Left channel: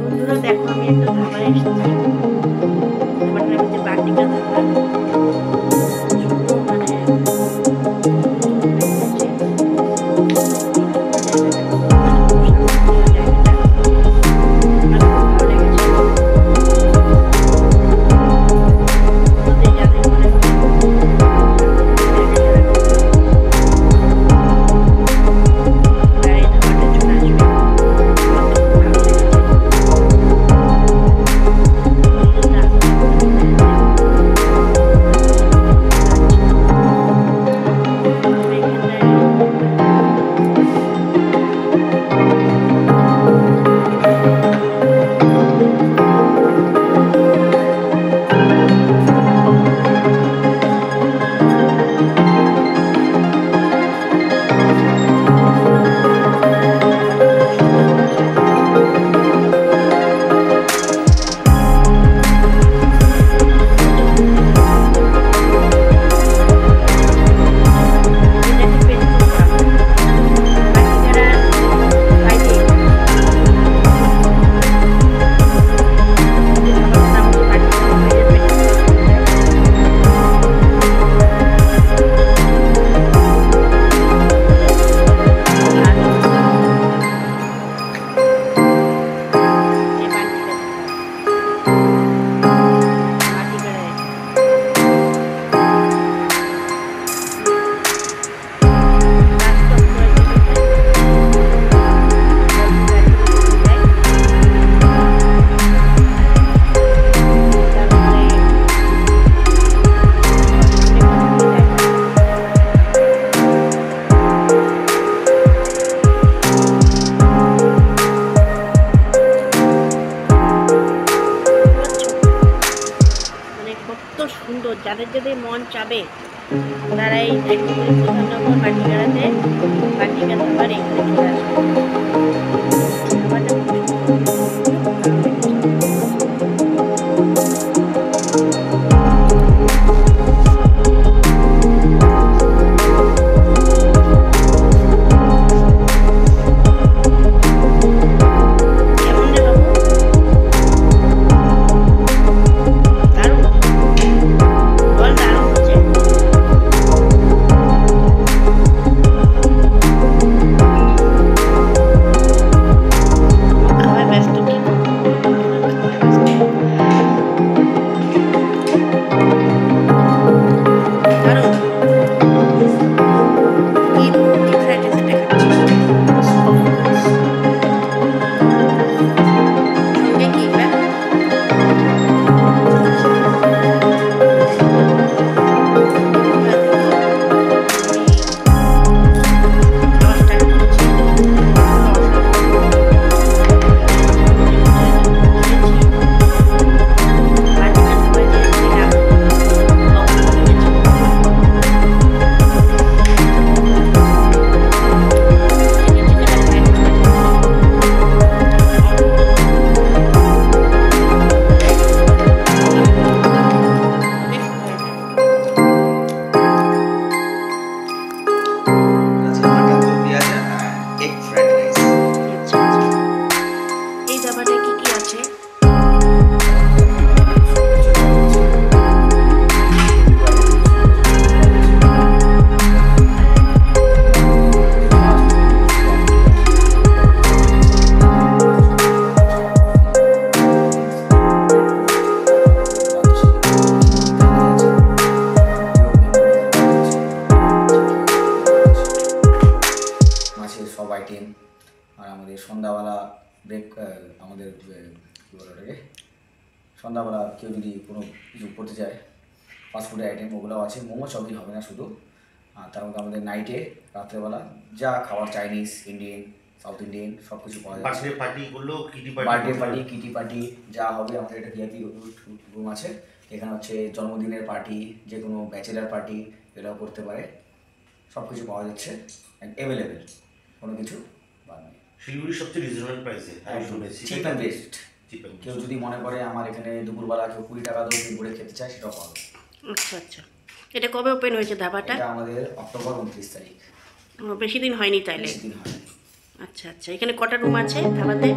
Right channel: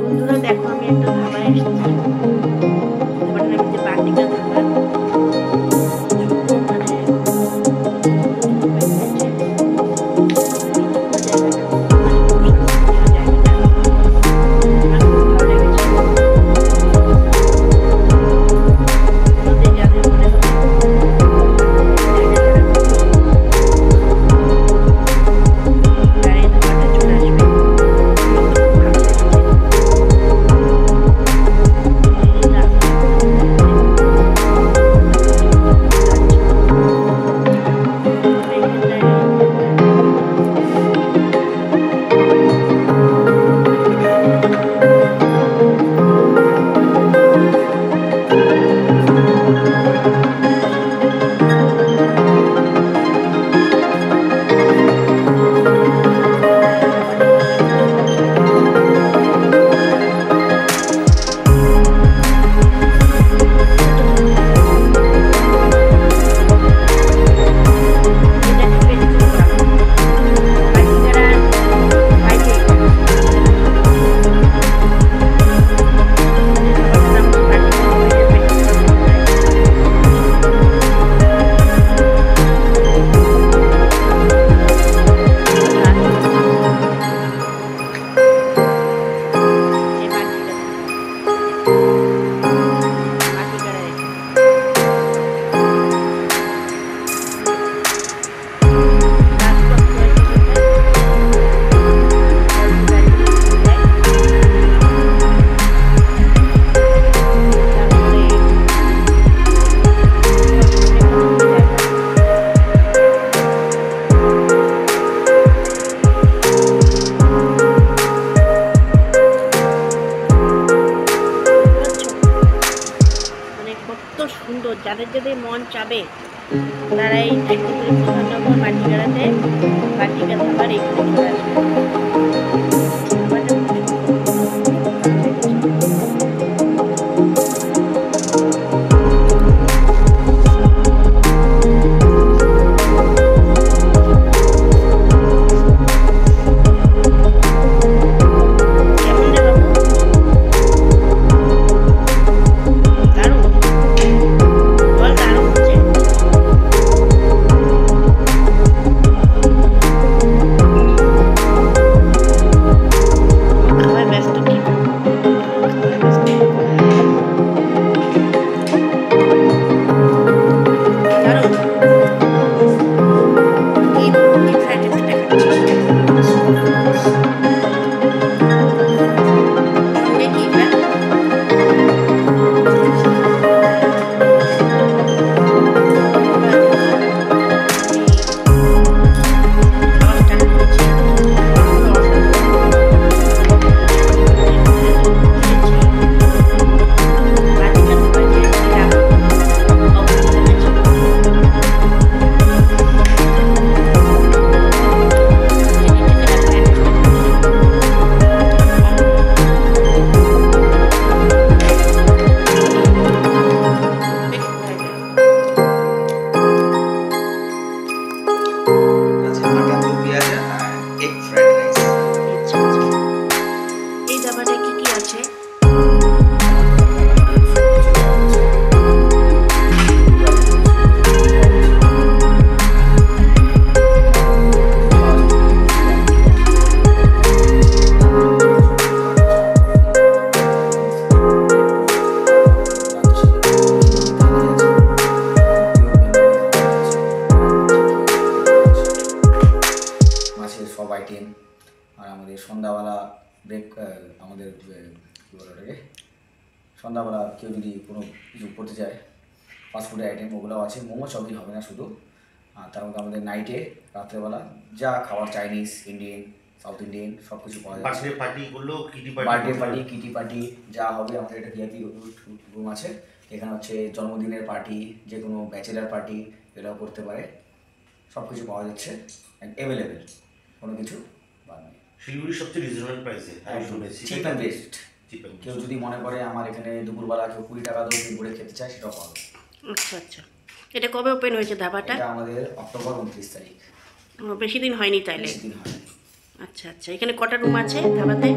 বন্ধুরা দেখো আমি একটা ধাবায় এসেছি। ধাবাটার নাম হচ্ছে বাটিকা ধাবা। ছোট মানে নতুন ওপেন হয়েছে। জায়গাটা মানে খুব শান্তিপ্রিয় জায়গাটা, আমার খুব ভালো লেগেছে। আমাদের যাদের মনে হবে জায়গা যারা তারা এই ধাবাটা চলে আসবে। সুন্দর, যাদের যাদের মন চাবে তারা এই শিলিগুড়ি প্রধাননগর বাটিকারাতে বাটিকা ধাবার এখানে চলে আসবে। ধাবাটা খুব সুন্দর, খুব ভালো লেগেছে। এই ধাবাটায় কি কি আছে? সব আইটেম আর আমাদের সন্ধ্যাবেলা ব্রেক, আমাদের কী বলে ওটাকে, সন্ধ্যাবেলা কেউ যদি কোনো কিছু করতে চায় ফাস্টফুডের আইটেম ওগুলোও আছে। মোমো চাউমিন হবে না শুধু, আর তার মধ্যে আমাদের নাইটে রাত্রেবেলা যা খাবার চাইনিজ, ইন্ডিয়ান, সাউথ ইন্ডিয়ান সব কিছু পাওয়া যাচ্ছে। বার্থডে পার্টি, কিটি পার্টি যা হবে। আমাদের একটা ভিআইপি রুম আছে, এখানে হচ্ছে জন্মদিনের পার্টি, যে কোনো ব্যাচেলার পার্টি এটাও করতে পারে। সব কিছু পাওয়া যাচ্ছে, অ্যাভেলেবেল, কোনো কিছু বাদ নেই। শিলিগুড়ির সবচেয়ে রিজনেবল প্রাইসে, চিপ অ্যান্ড বেস্ট। কেউ যদি মনে করে আমার এখানে দুপুরবেলা কেউ 20 টাকা দিয়ে দিন করে খেতে চায় সেটাও পাবে। আচ্ছা আচ্ছা, এটা কবে ওপেন হয়েছে ধাবাটা? এটা আমাদের অক্টোবর 29 তারিখ। বেশি দিন হয়নি তাইলে? বেশি দিন হয়নি। আচ্ছা আচ্ছা, এখানে কটা রুম আছে ধাবাতে?